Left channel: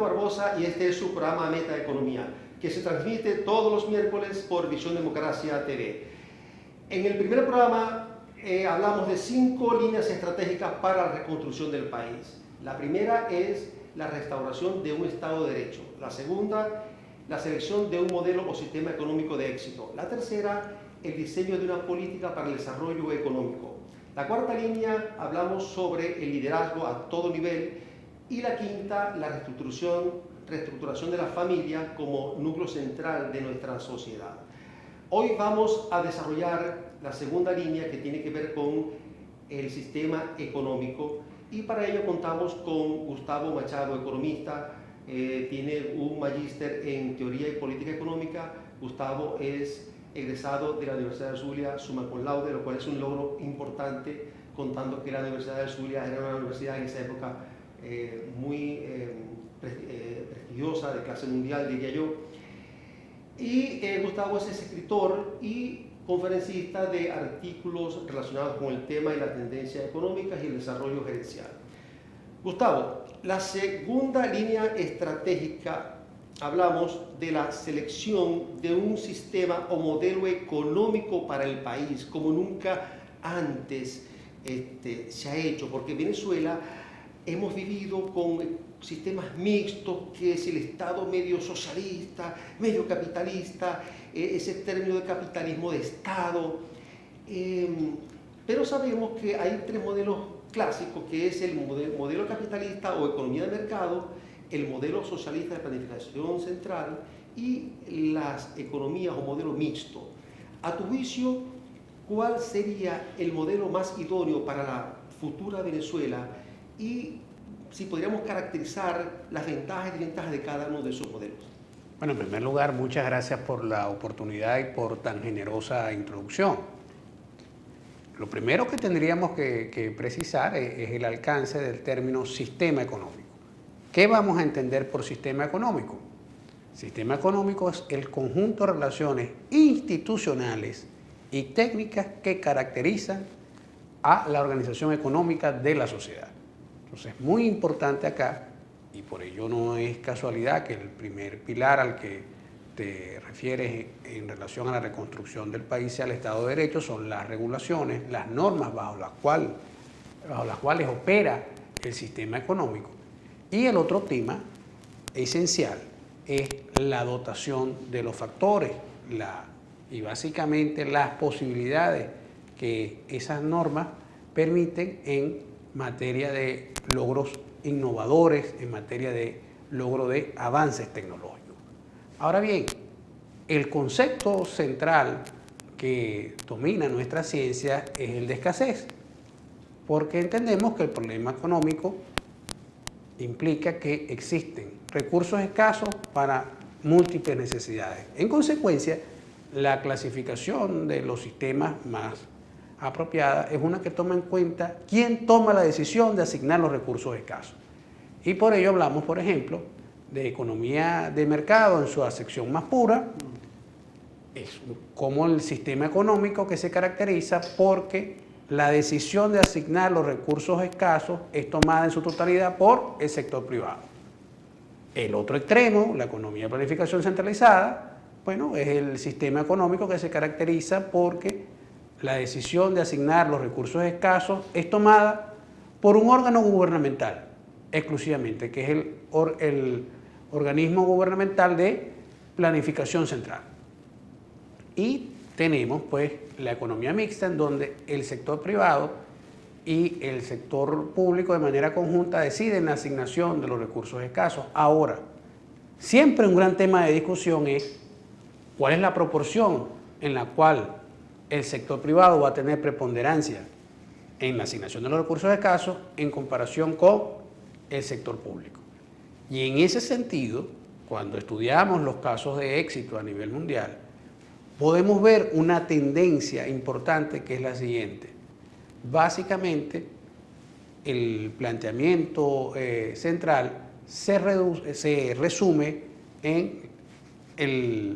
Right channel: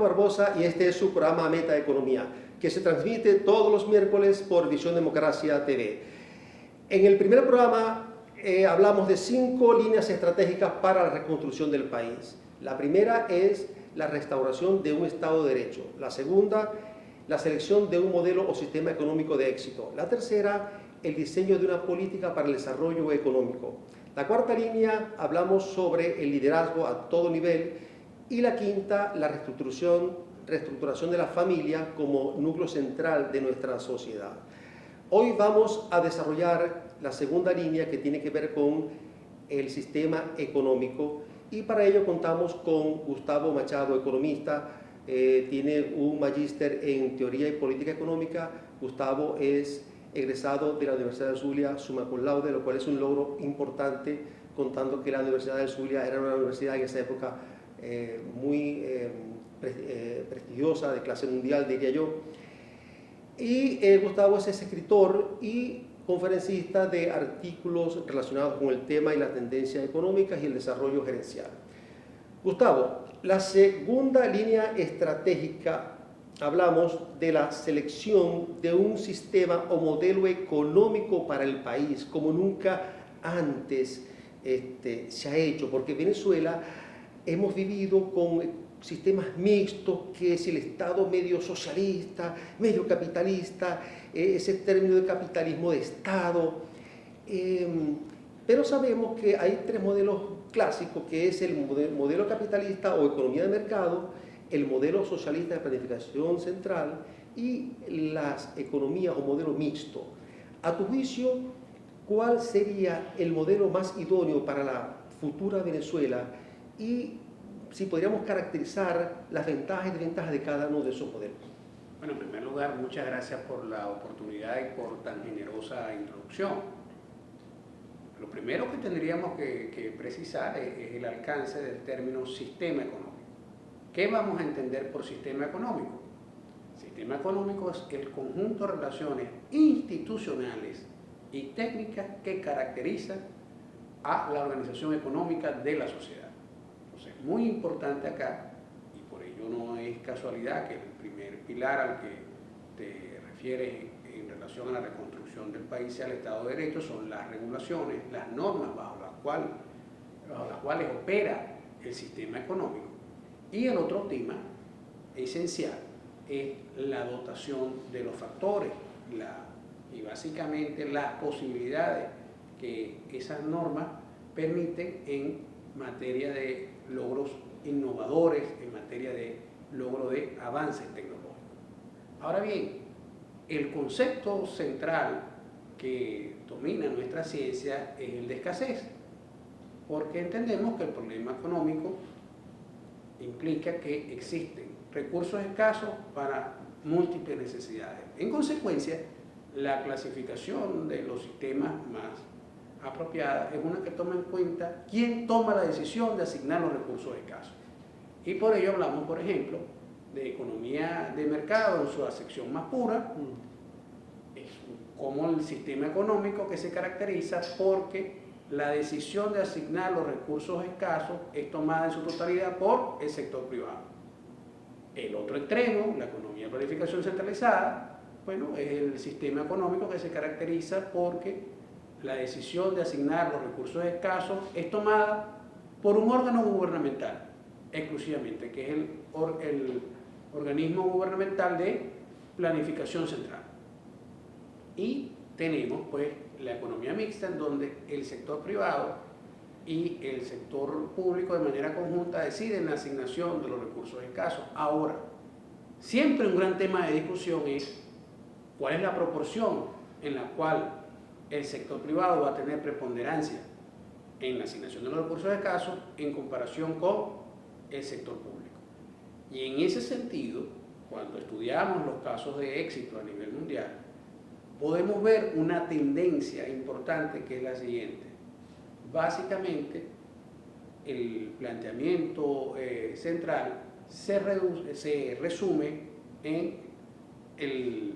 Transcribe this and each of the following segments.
Roberto Barbosa y este es su programa Meta Economía, que se transmite todos los miércoles por Visión Democracia TV. En el primer programa hablamos de 5 líneas estratégicas para la reconstrucción del país. La primera es la restauración de un Estado de Derecho. La segunda, la selección de un modelo o sistema económico de éxito. La tercera, el diseño de una política para el desarrollo económico. La cuarta línea, hablamos sobre el liderazgo a todo nivel. Y la quinta, la reestructuración de la familia como núcleo central de nuestra sociedad. Hoy vamos a desarrollar la segunda línea que tiene que ver con el sistema económico y para ello contamos con Gustavo Machado, economista, tiene un magíster en teoría y política económica. Gustavo es egresado de la Universidad del Zulia, summa cum laude, lo cual es un logro importante, contando que la Universidad del Zulia era una universidad en esa época muy prestigiosa, de clase mundial, diría yo. Y Gustavo es escritor y conferencista de artículos relacionados con el tema y las tendencias económicas y el desarrollo gerencial. Gustavo, la segunda línea estratégica, hablamos de la selección de un sistema o modelo económico para el país, como nunca antes se ha hecho, porque Venezuela hemos vivido con sistemas mixtos, que es el Estado medio socialista, medio capitalista, ese término de capitalismo de Estado, pero sabemos que hay 3 modelos clásicos, que es el modelo capitalista o economía de mercado, el modelo socialista de planificación central y las economías o modelo mixto. A tu juicio, ¿cuál sería el modelo más idóneo para la futura Venezuela y si podríamos caracterizar las ventajas y desventajas de cada uno de esos modelos? Bueno, en primer lugar, muchas gracias por la oportunidad y por tan generosa introducción. Lo primero que tendríamos que precisar es el alcance del término sistema económico. ¿Qué vamos a entender por sistema económico? Sistema económico es el conjunto de relaciones institucionales y técnicas que caracterizan a la organización económica de la sociedad. Entonces, es muy importante acá, y por ello no es casualidad que el primer pilar al que te refieres en relación a la reconstrucción del país sea el Estado de Derecho, son las regulaciones, las normas bajo las cuales opera el sistema económico. Y el otro tema esencial es la dotación de los factores y básicamente las posibilidades que esas normas permiten en materia de logros innovadores, en materia de logro de avances tecnológicos. Ahora bien, el concepto central que domina nuestra ciencia es el de escasez, porque entendemos que el problema económico implica que existen recursos escasos para múltiples necesidades. En consecuencia, la clasificación de los sistemas más apropiada es una que toma en cuenta quién toma la decisión de asignar los recursos escasos. Y por ello hablamos, por ejemplo, de economía de mercado en su acepción más pura, es como el sistema económico que se caracteriza porque la decisión de asignar los recursos escasos es tomada en su totalidad por el sector privado. El otro extremo, la economía de planificación centralizada, bueno, es el sistema económico que se caracteriza porque la decisión de asignar los recursos escasos es tomada por un órgano gubernamental exclusivamente, que es el organismo gubernamental de planificación central. Y tenemos pues la economía mixta, en donde el sector privado y el sector público de manera conjunta deciden la asignación de los recursos escasos. Ahora, siempre un gran tema de discusión es cuál es la proporción en la cual el sector privado va a tener preponderancia en la asignación de los recursos escasos en comparación con el sector público. Y en ese sentido, cuando estudiamos los casos de éxito a nivel mundial, podemos ver una tendencia importante que es la siguiente. Básicamente, el planteamiento central se resume en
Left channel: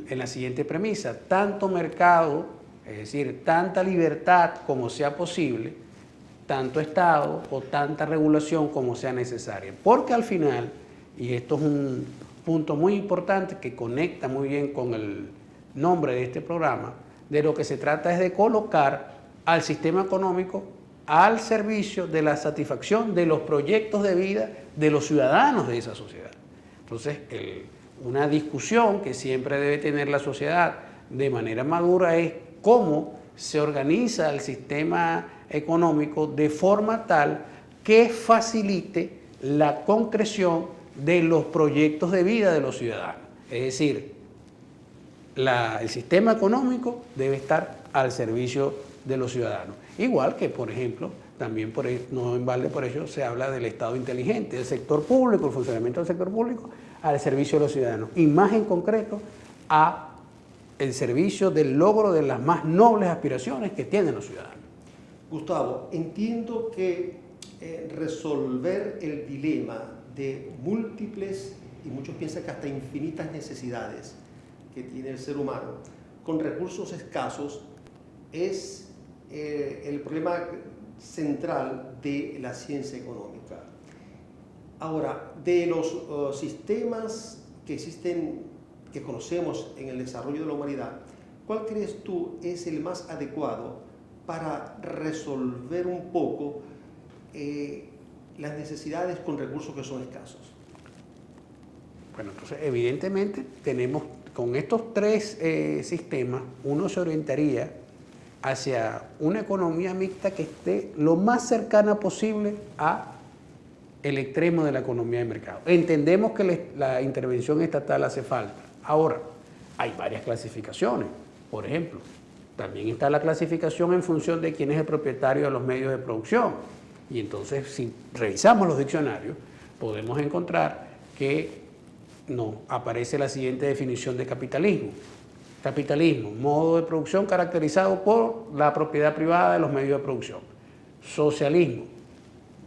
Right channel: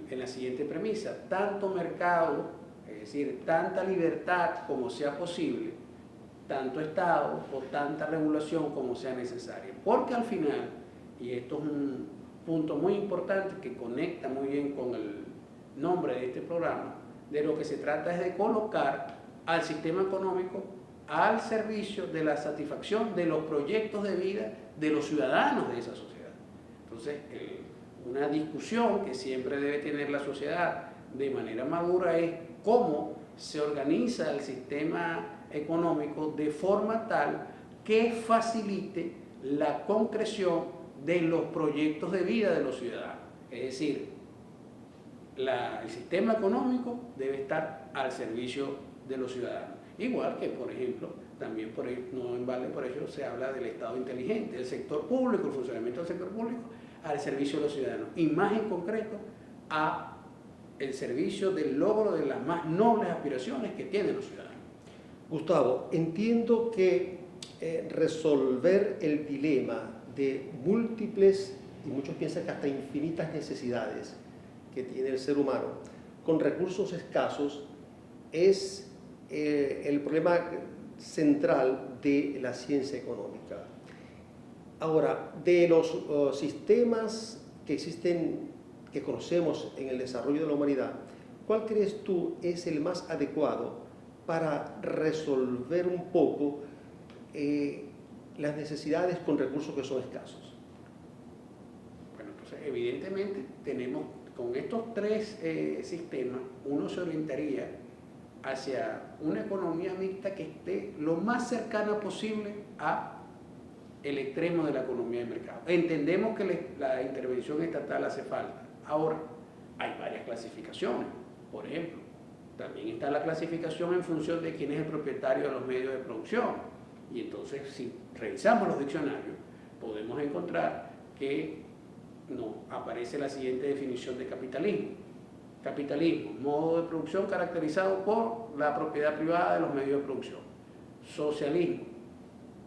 la siguiente premisa: tanto mercado, es decir, tanta libertad como sea posible, tanto Estado o tanta regulación como sea necesaria. Porque al final y esto es un punto muy importante que conecta muy bien con el nombre de este programa, de lo que se trata es de colocar al sistema económico al servicio de la satisfacción de los proyectos de vida de los ciudadanos de esa sociedad. Entonces, una discusión que siempre debe tener la sociedad de manera madura es cómo se organiza el sistema económico de forma tal que facilite la concreción de los proyectos de vida de los ciudadanos. Es decir, el sistema económico debe estar al servicio de los ciudadanos. Igual que, por ejemplo, también no en balde por ello se habla del Estado inteligente, del sector público, el funcionamiento del sector público al servicio de los ciudadanos. Y más en concreto, a el servicio del logro de las más nobles aspiraciones que tienen los ciudadanos. Gustavo, entiendo que resolver el dilema de múltiples, y muchos piensan que hasta infinitas necesidades que tiene el ser humano, con recursos escasos, es el problema central de la ciencia económica. Ahora, de los sistemas que existen, que conocemos en el desarrollo de la humanidad, ¿cuál crees tú es el más adecuado para resolver un poco las necesidades con recursos que son escasos? Bueno, entonces evidentemente tenemos con estos tres sistemas, uno se orientaría hacia una economía mixta que esté lo más cercana posible a el extremo de la economía de mercado. Entendemos que la intervención estatal hace falta. Ahora, hay varias clasificaciones. Por ejemplo, también está la clasificación en función de quién es el propietario de los medios de producción. Y entonces, si revisamos los diccionarios, podemos encontrar que nos aparece la siguiente definición de capitalismo. Capitalismo, modo de producción caracterizado por la propiedad privada de los medios de producción. Socialismo,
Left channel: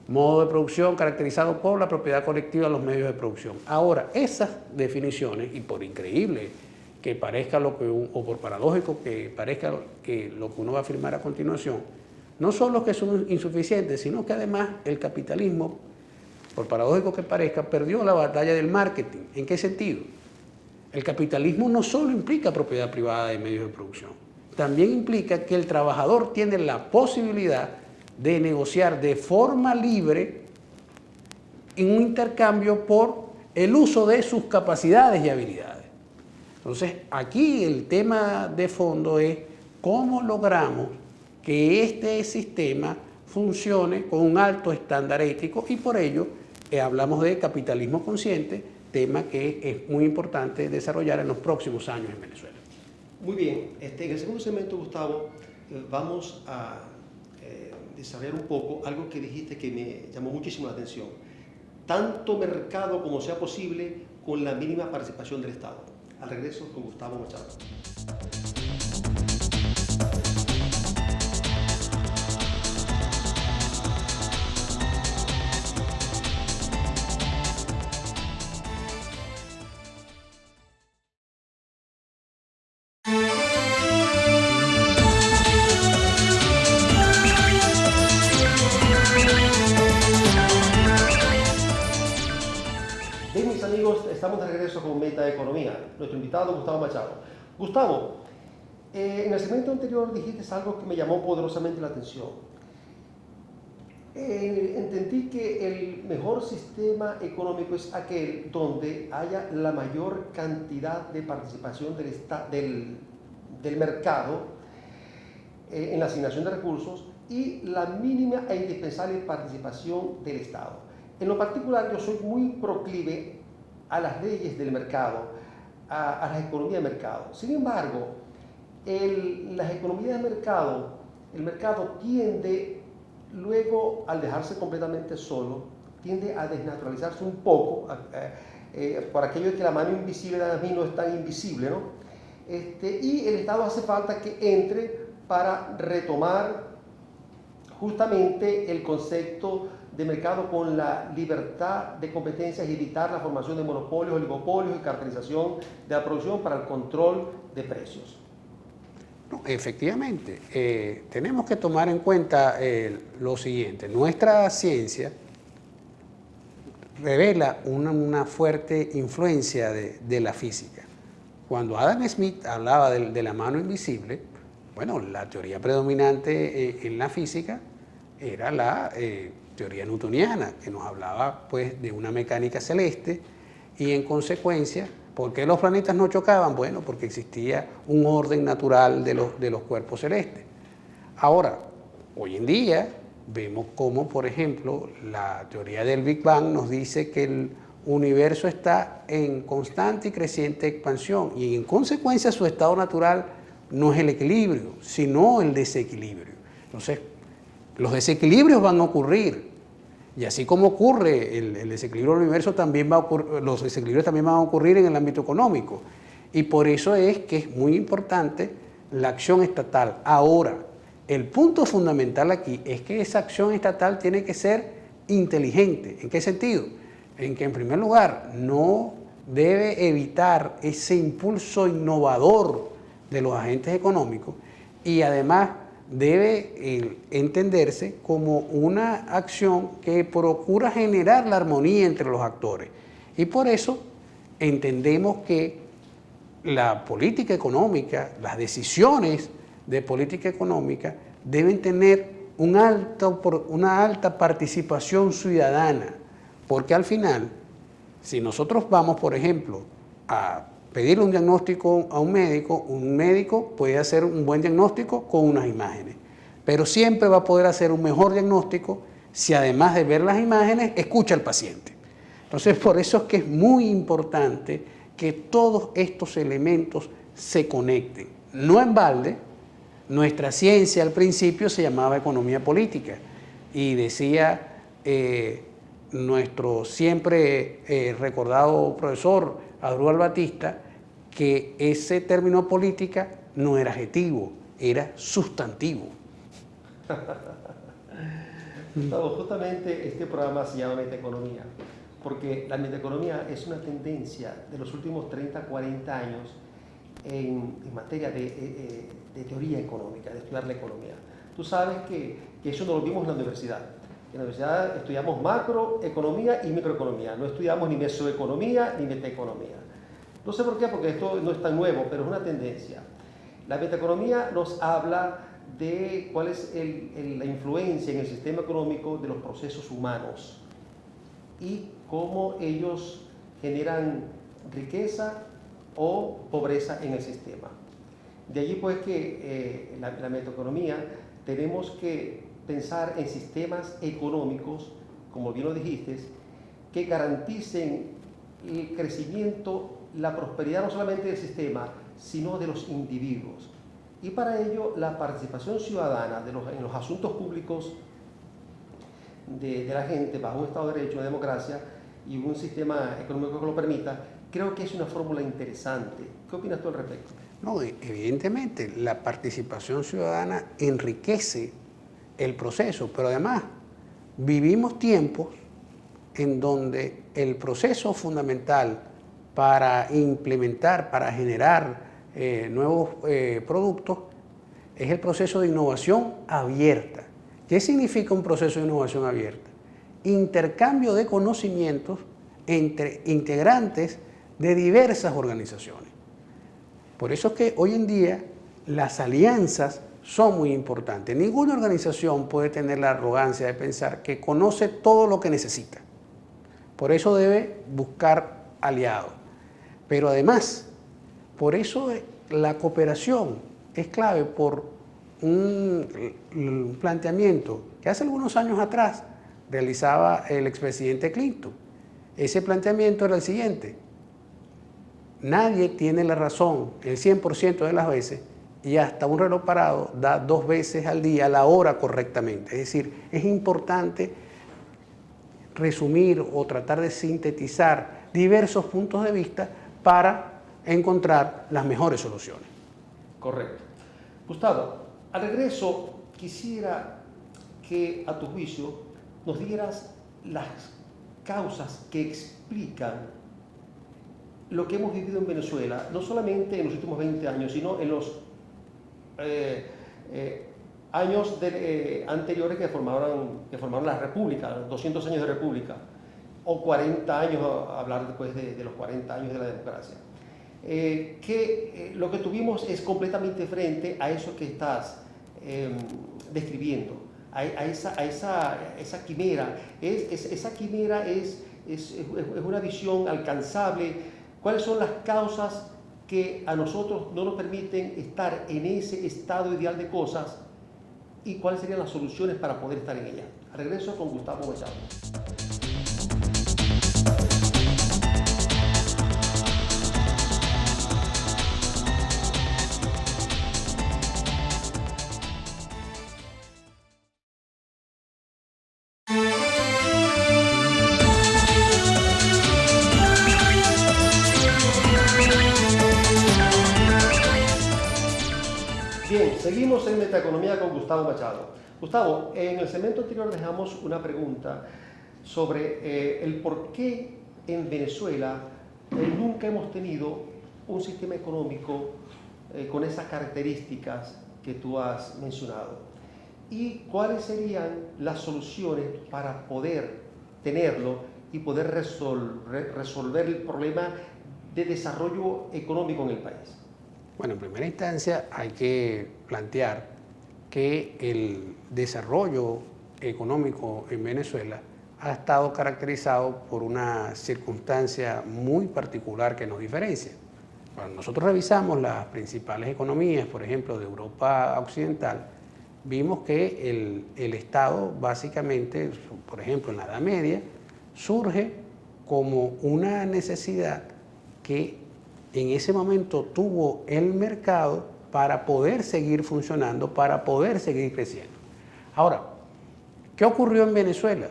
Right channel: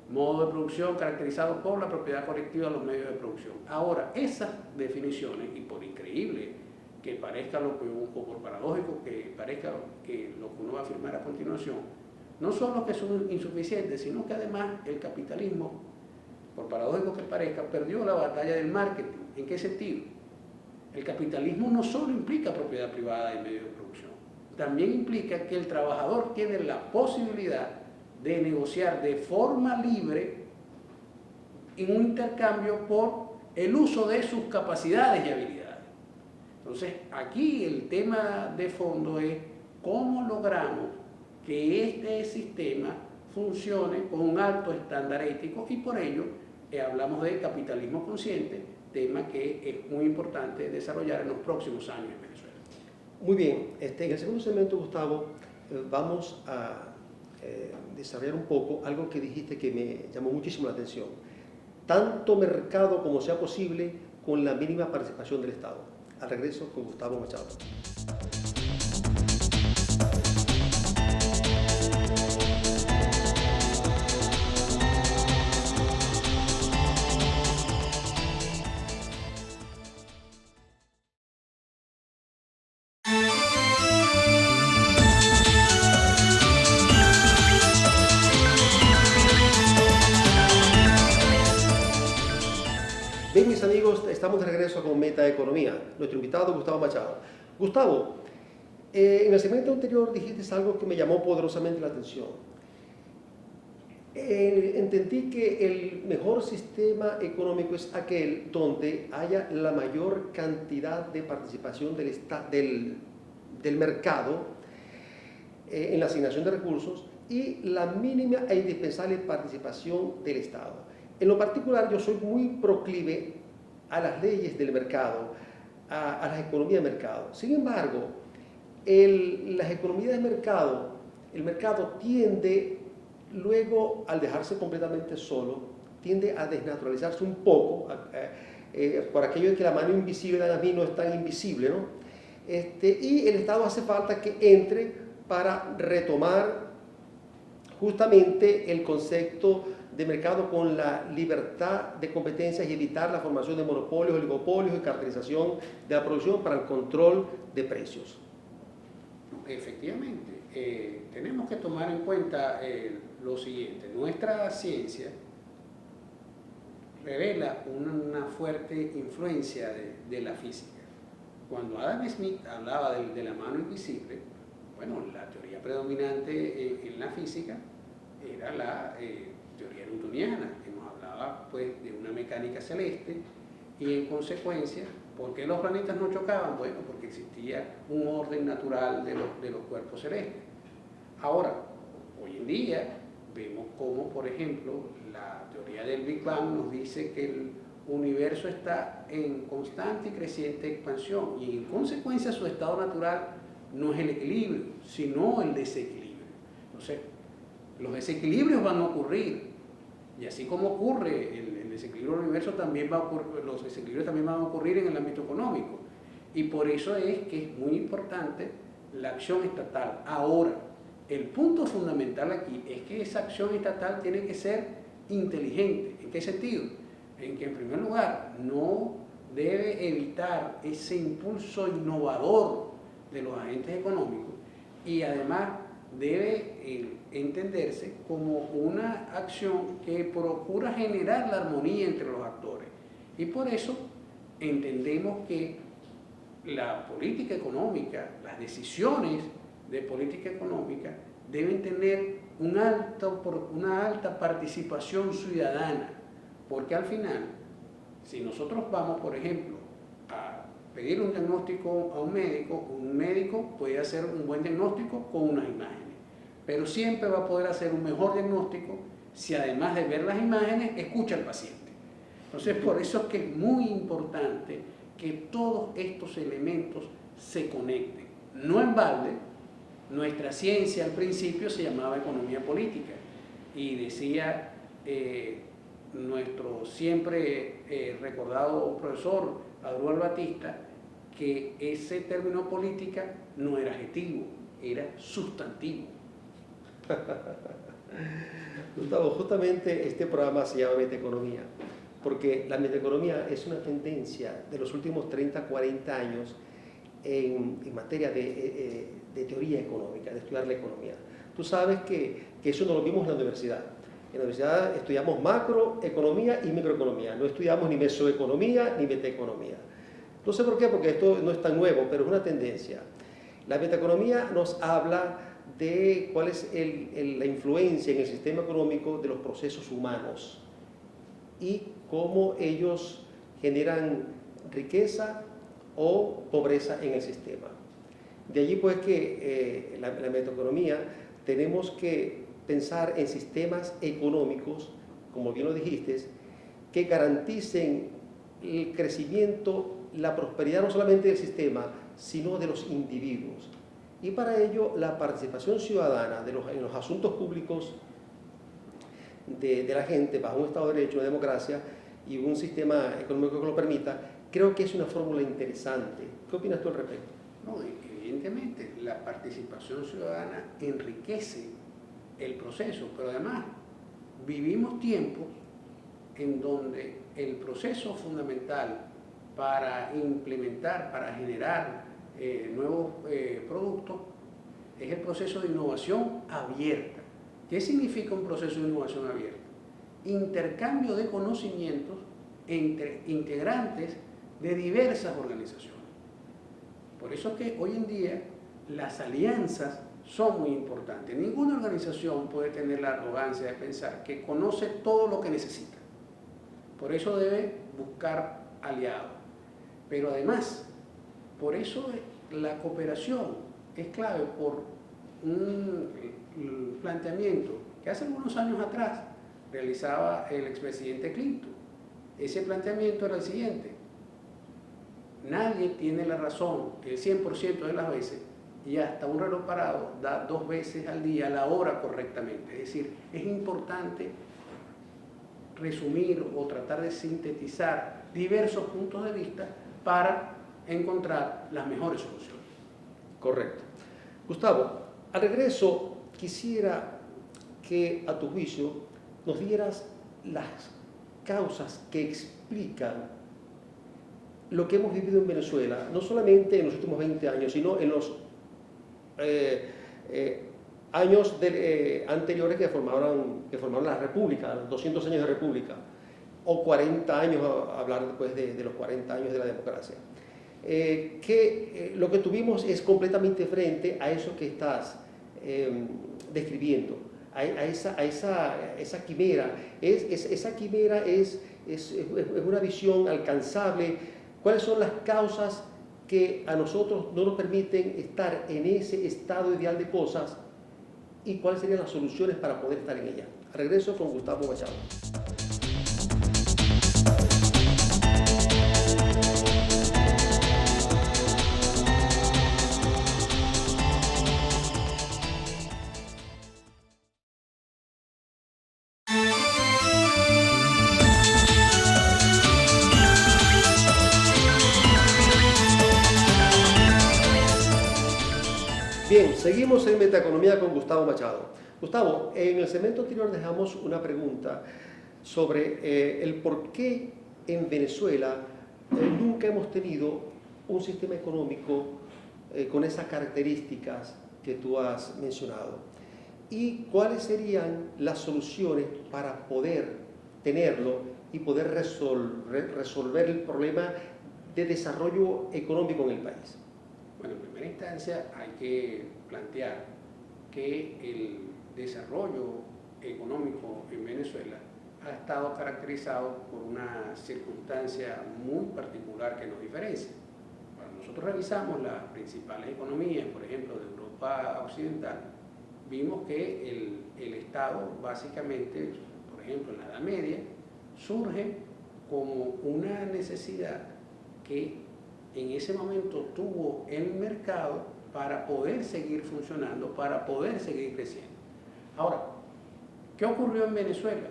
modo de producción caracterizado por la propiedad colectiva de los medios de producción. Ahora, esas definiciones, y por increíble que parezca o por paradójico que parezca que lo que uno va a afirmar a continuación, no solo que son insuficientes, sino que además el capitalismo, por paradójico que parezca, perdió la batalla del marketing. ¿En qué sentido? El capitalismo no solo implica propiedad privada de medios de producción, también implica que el trabajador tiene la posibilidad de negociar de forma libre en un intercambio por el uso de sus capacidades y habilidades. Entonces, aquí el tema de fondo es cómo logramos que este sistema funcione con un alto estándar ético y por ello hablamos de capitalismo consciente, tema que es muy importante desarrollar en los próximos años en Venezuela. Muy bien, en el segundo segmento, Gustavo, vamos a desarrollar un poco algo que dijiste que me llamó muchísimo la atención. Tanto mercado como sea posible con la mínima participación del Estado. Al regreso con Gustavo Machado. Bien, mis amigos, estamos de regreso con Meta Economía. Nuestro invitado, Gustavo Machado. Gustavo, en el segmento anterior dijiste algo que me llamó poderosamente la atención. Entendí que el mejor sistema económico es aquel donde haya la mayor cantidad de participación del mercado en la asignación de recursos y la mínima e indispensable participación del Estado. En lo particular, yo soy muy proclive a las leyes del mercado, a las economías de mercado. Sin embargo, las economías de mercado, el mercado tiende, luego al dejarse completamente solo, tiende a desnaturalizarse un poco, por aquello de que la mano invisible de mí no es tan invisible, ¿no? Y el Estado hace falta que entre para retomar justamente el concepto de mercado con la libertad de competencias y evitar la formación de monopolios, oligopolios y cartelización de la producción para el control de precios. Efectivamente, tenemos que tomar en cuenta lo siguiente. Nuestra ciencia revela una fuerte influencia de la física. Cuando Adam Smith hablaba de la mano invisible, bueno, la teoría predominante en la física era la teoría newtoniana, que nos hablaba pues de una mecánica celeste y en consecuencia, ¿por qué los planetas no chocaban? Bueno, porque existía un orden natural de los cuerpos celestes. Ahora, hoy en día vemos cómo, por ejemplo, la teoría del Big Bang nos dice que el universo está en constante y creciente expansión y en consecuencia su estado natural no es el equilibrio, sino el desequilibrio. Entonces, los desequilibrios van a ocurrir y así como ocurre el desequilibrio del universo, también los desequilibrios también van a ocurrir en el ámbito económico y por eso es que es muy importante la acción estatal. Ahora, el punto fundamental aquí es que esa acción estatal tiene que ser inteligente. ¿En qué sentido? En que en primer lugar no debe evitar ese impulso innovador de los agentes económicos y además debe entenderse como una acción que procura generar la armonía entre los actores. Y por eso entendemos que la política económica, las decisiones de política económica deben tener una alta participación ciudadana, porque al final, si nosotros vamos, por ejemplo, a pedirle un diagnóstico a un médico puede hacer un buen diagnóstico con unas imágenes, pero siempre va a poder hacer un mejor diagnóstico si además de ver las imágenes, escucha al paciente. Entonces, por eso es que es muy importante que todos estos elementos se conecten. No en balde, nuestra ciencia al principio se llamaba economía política y decía nuestro siempre recordado profesor Adrúbal Batista que ese término política no era adjetivo, era sustantivo. Gustavo, justamente este programa se llama Metaeconomía, porque la metaeconomía es una tendencia de los últimos 30, 40 años en materia de teoría económica, de estudiar la economía. Tú sabes que eso no lo vimos en la universidad. En la universidad estudiamos macroeconomía y microeconomía, no estudiamos ni mesoeconomía ni metaeconomía. No sé por qué, porque esto no es tan nuevo, pero es una tendencia. La metaeconomía nos habla de cuál es la influencia en el sistema económico de los procesos humanos y cómo ellos generan riqueza o pobreza en el sistema. De allí pues que la metaeconomía tenemos que pensar en sistemas económicos, como bien lo dijiste, que garanticen el crecimiento, la prosperidad no solamente del sistema, sino de los individuos. Y para ello la participación ciudadana en los asuntos públicos de la gente bajo un Estado de Derecho, una democracia y un sistema económico que lo permita, creo que es una fórmula interesante. ¿Qué opinas tú al respecto? No, evidentemente la participación ciudadana enriquece el proceso, pero además vivimos tiempos en donde el proceso fundamental para implementar, para generar nuevos productos es el proceso de innovación abierta. ¿Qué significa un proceso de innovación abierta? Intercambio de conocimientos entre integrantes de diversas organizaciones. Por eso es que hoy en día las alianzas son muy importantes. Ninguna organización puede tener la arrogancia de pensar que conoce todo lo que necesita. Por eso debe buscar aliados. Pero además, por eso la cooperación es clave por un planteamiento que hace algunos años atrás realizaba el expresidente Clinton. Ese planteamiento era el siguiente: nadie tiene la razón el 100% de las veces y hasta un reloj parado da 2 veces al día la hora correctamente. Es decir, es importante resumir o tratar de sintetizar diversos puntos de vista para encontrar las mejores soluciones. Correcto. Gustavo, al regreso quisiera que a tu juicio nos dieras las causas que explican lo que hemos vivido en Venezuela, no solamente en los últimos 20 años, sino en los años anteriores que formaron la República, los 200 años de República. o 40 años, hablar después de los 40 años de la democracia. Lo que tuvimos es completamente diferente a eso que estás describiendo, a esa quimera. Esa quimera es una visión alcanzable. ¿Cuáles son las causas que a nosotros no nos permiten estar en ese estado ideal de cosas y cuáles serían las soluciones para poder estar en ella? Regreso con Gustavo Machado. Bien, seguimos en Metaeconomía con Gustavo Machado. Gustavo, en el segmento anterior dejamos una pregunta sobre el por qué en Venezuela nunca hemos tenido un sistema económico con esas características que tú has mencionado. ¿Y cuáles serían las soluciones para poder tenerlo y poder resolver el problema de desarrollo económico en el país? Bueno, en primera instancia hay que plantear que el desarrollo económico en Venezuela ha estado caracterizado por una circunstancia muy particular que nos diferencia. Cuando nosotros revisamos las principales economías, por ejemplo, de Europa Occidental, vimos que el Estado básicamente, por ejemplo, en la Edad Media, surge como una necesidad que en ese momento tuvo el mercado para poder seguir funcionando, para poder seguir creciendo. Ahora, ¿qué ocurrió en Venezuela?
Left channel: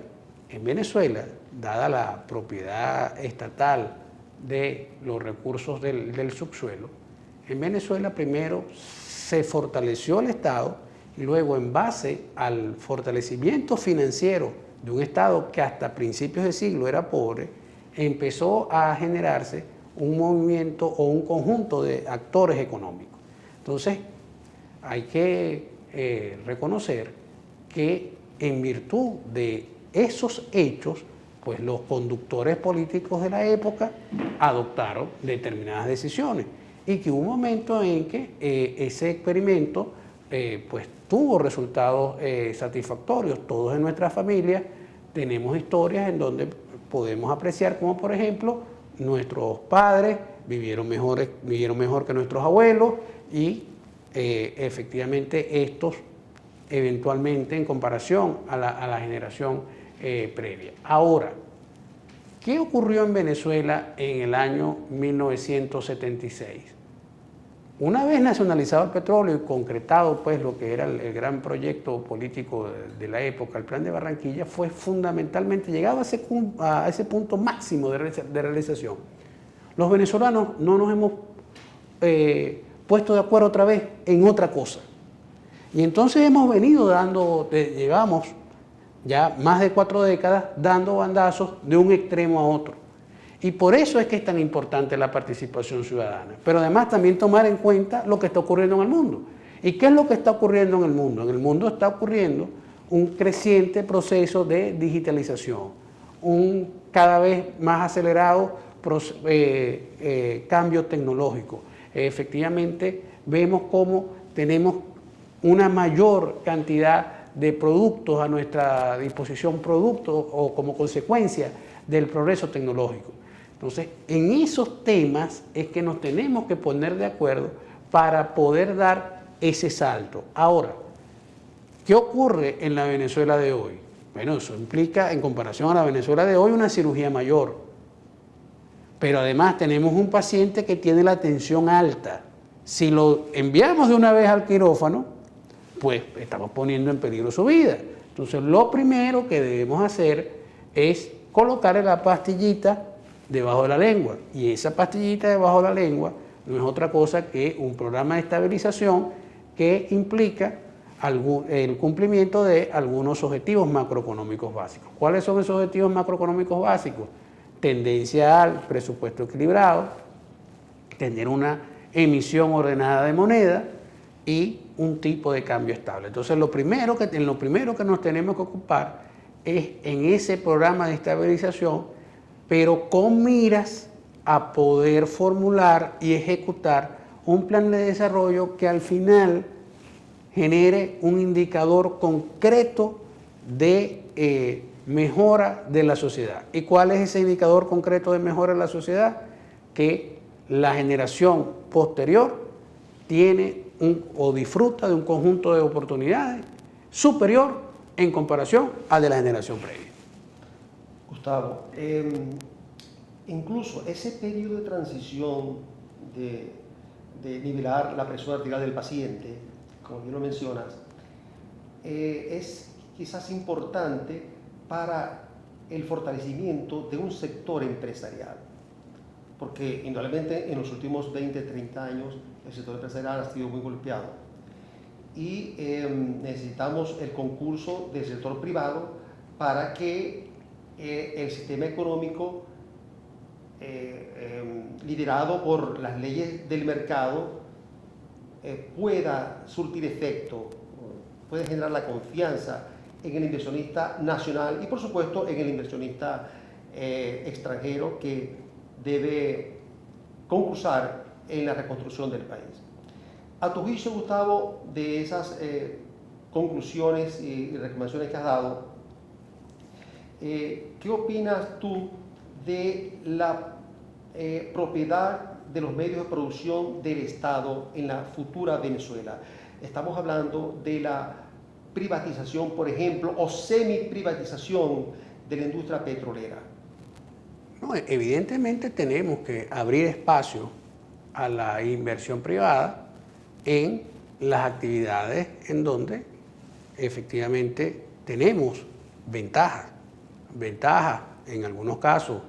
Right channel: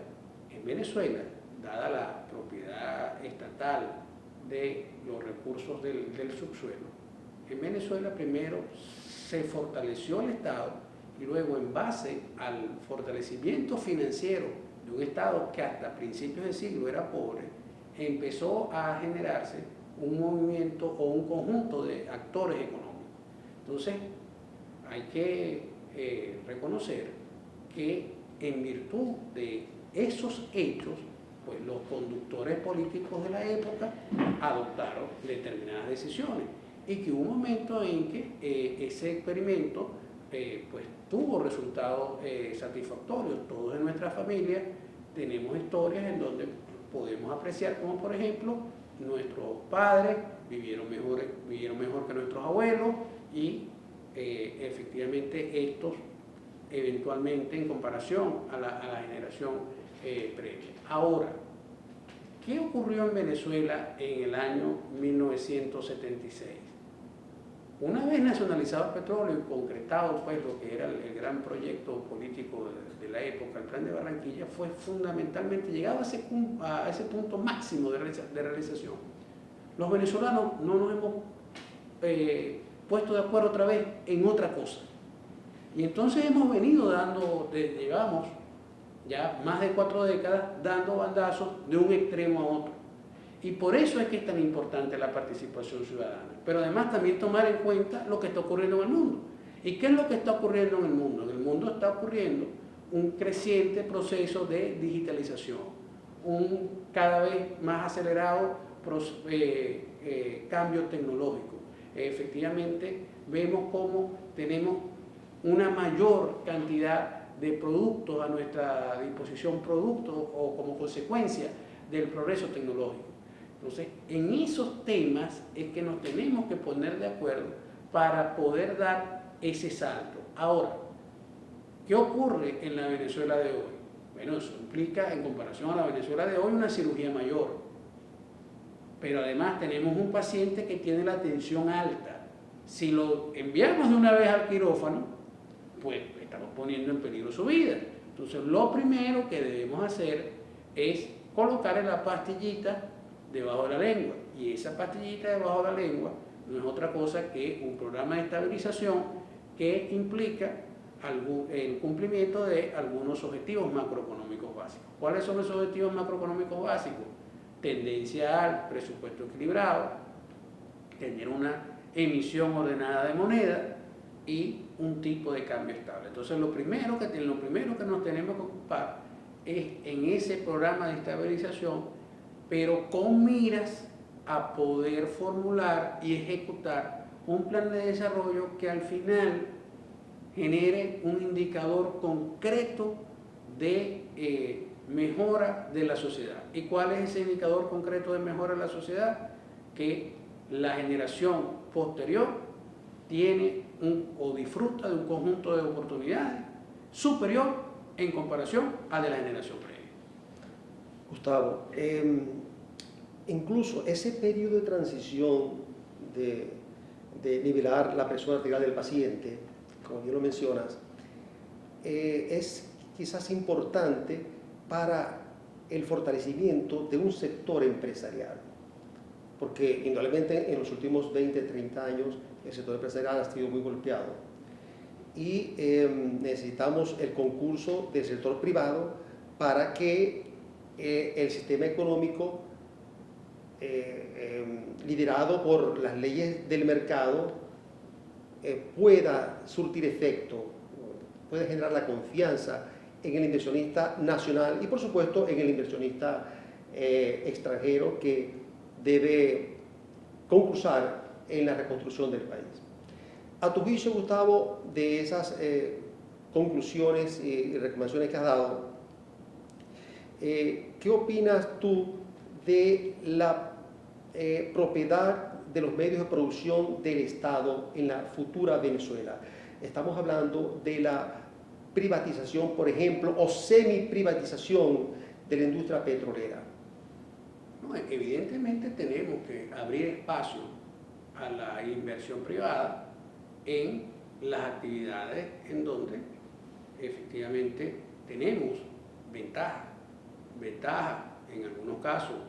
En Venezuela, dada la propiedad estatal de los recursos del subsuelo, en Venezuela primero se fortaleció el Estado y luego, en base al fortalecimiento financiero de un Estado que hasta principios de siglo era pobre, empezó a generarse un movimiento o un conjunto de actores económicos. Entonces, hay que reconocer que en virtud de esos hechos, pues los conductores políticos de la época adoptaron determinadas decisiones y que hubo un momento en que ese experimento pues tuvo resultados satisfactorios. Todos en nuestra familia tenemos historias en donde podemos apreciar como, por ejemplo, nuestros padres vivieron mejor que nuestros abuelos y efectivamente estos eventualmente en comparación a la generación previa. Ahora, ¿qué ocurrió en Venezuela en el año 1976? Una vez nacionalizado el petróleo y concretado pues lo que era el gran proyecto político de la época, el Plan de Barranquilla, fue fundamentalmente llegado a ese punto máximo de realización. Los venezolanos no nos hemos puesto de acuerdo otra vez en otra cosa. Y entonces hemos venido llevamos ya más de 4 décadas dando bandazos de un extremo a otro. Y por eso es que es tan importante la participación ciudadana. Pero además también tomar en cuenta lo que está ocurriendo en el mundo. ¿Y qué es lo que está ocurriendo en el mundo? En el mundo está ocurriendo un creciente proceso de digitalización, un cada vez más acelerado cambio tecnológico. Efectivamente, vemos cómo tenemos una mayor cantidad de productos a nuestra disposición, productos o como consecuencia del progreso tecnológico. Entonces, en esos temas es que nos tenemos que poner de acuerdo para poder dar ese salto. Ahora, ¿qué ocurre en la Venezuela de hoy? Bueno, eso implica, en comparación a la Venezuela de hoy, una cirugía mayor. Pero además tenemos un paciente que tiene la tensión alta. Si lo enviamos de una vez al quirófano, pues estamos poniendo en peligro su vida. Entonces, lo primero que debemos hacer es colocarle la pastillita debajo de la lengua. Y esa pastillita debajo de la lengua no es otra cosa que un programa de estabilización que implica el cumplimiento de algunos objetivos macroeconómicos básicos. ¿Cuáles son esos objetivos macroeconómicos básicos? Tendencia al presupuesto equilibrado, tener una emisión ordenada de moneda y un tipo de cambio estable. Entonces, en lo primero que nos tenemos que ocupar es en ese programa de estabilización pero con miras a poder formular y ejecutar un plan de desarrollo que al final genere un indicador concreto de mejora de la sociedad. ¿Y cuál es ese indicador concreto de mejora de la sociedad? Que la generación posterior tiene o disfruta de un conjunto de oportunidades superior en comparación a de la generación previa. Gustavo, incluso ese periodo de transición de nivelar la presión arterial del paciente, como bien lo mencionas, es quizás importante para el fortalecimiento de un sector empresarial, porque indudablemente en los últimos 20, 30 años el sector empresarial ha sido muy golpeado y necesitamos el concurso del sector privado para que el sistema económico liderado por las leyes del mercado pueda surtir efecto, puede generar la confianza en el inversionista nacional y por supuesto en el inversionista extranjero que debe concursar en la reconstrucción del país. A tu juicio, Gustavo, de esas conclusiones y recomendaciones que has dado, ¿qué opinas tú de la propiedad de los medios de producción del Estado en la futura Venezuela? Estamos hablando de la privatización, por ejemplo, o semi-privatización de la industria petrolera. No, evidentemente tenemos que abrir espacio a la inversión privada en las actividades en donde efectivamente tenemos ventajas en algunos casos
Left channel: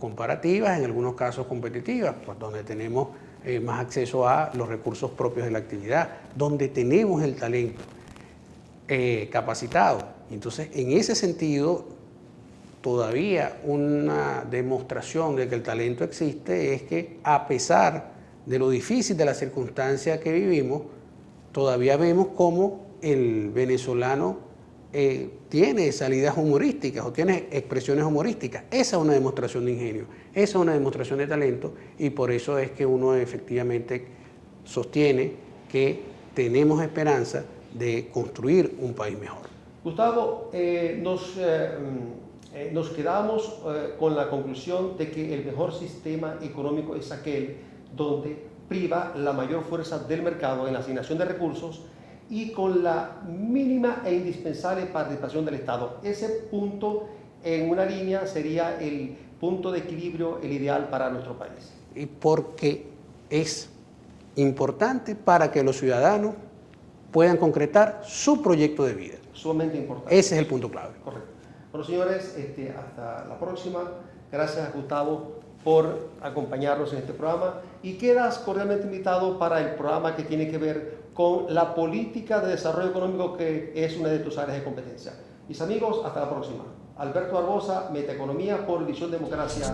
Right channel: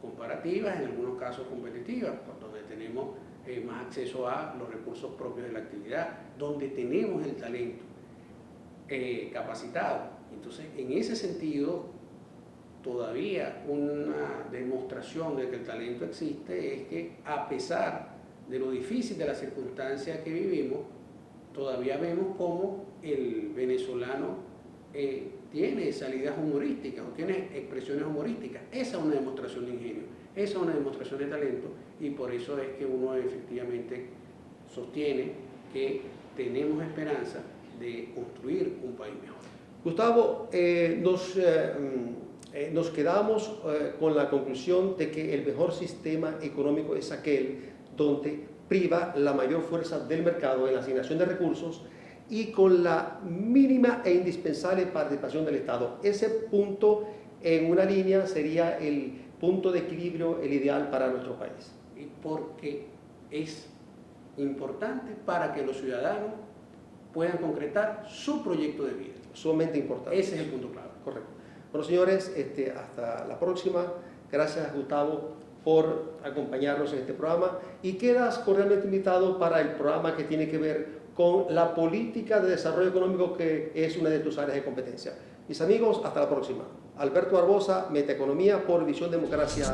comparativas, en algunos casos competitivas, pues donde tenemos más acceso a los recursos propios de la actividad, donde tenemos el talento capacitado. Entonces, en ese sentido, todavía una demostración de que el talento existe es que a pesar de lo difícil de la circunstancia que vivimos, todavía vemos cómo el venezolano tiene salidas humorísticas o tiene expresiones humorísticas. Esa es una demostración de ingenio, esa es una demostración de talento y por eso es que uno efectivamente sostiene que tenemos esperanza de construir un país mejor. Gustavo, nos quedamos con la conclusión de que el mejor sistema económico es aquel donde priva la mayor fuerza del mercado en la asignación de recursos y con la mínima e indispensable participación del Estado. Ese punto en una línea sería el punto de equilibrio, el ideal para nuestro país. Y porque es importante para que los ciudadanos puedan concretar su proyecto de vida. Sumamente importante. Ese es el punto clave. Correcto. Bueno, señores, hasta la próxima. Gracias, Gustavo, por acompañarnos en este programa y quedas cordialmente invitado para el programa que tiene que ver con la política de desarrollo económico, que es una de tus áreas de competencia. Mis amigos, hasta la próxima. Alberto Barbosa, Metaeconomía por Visión Democracia.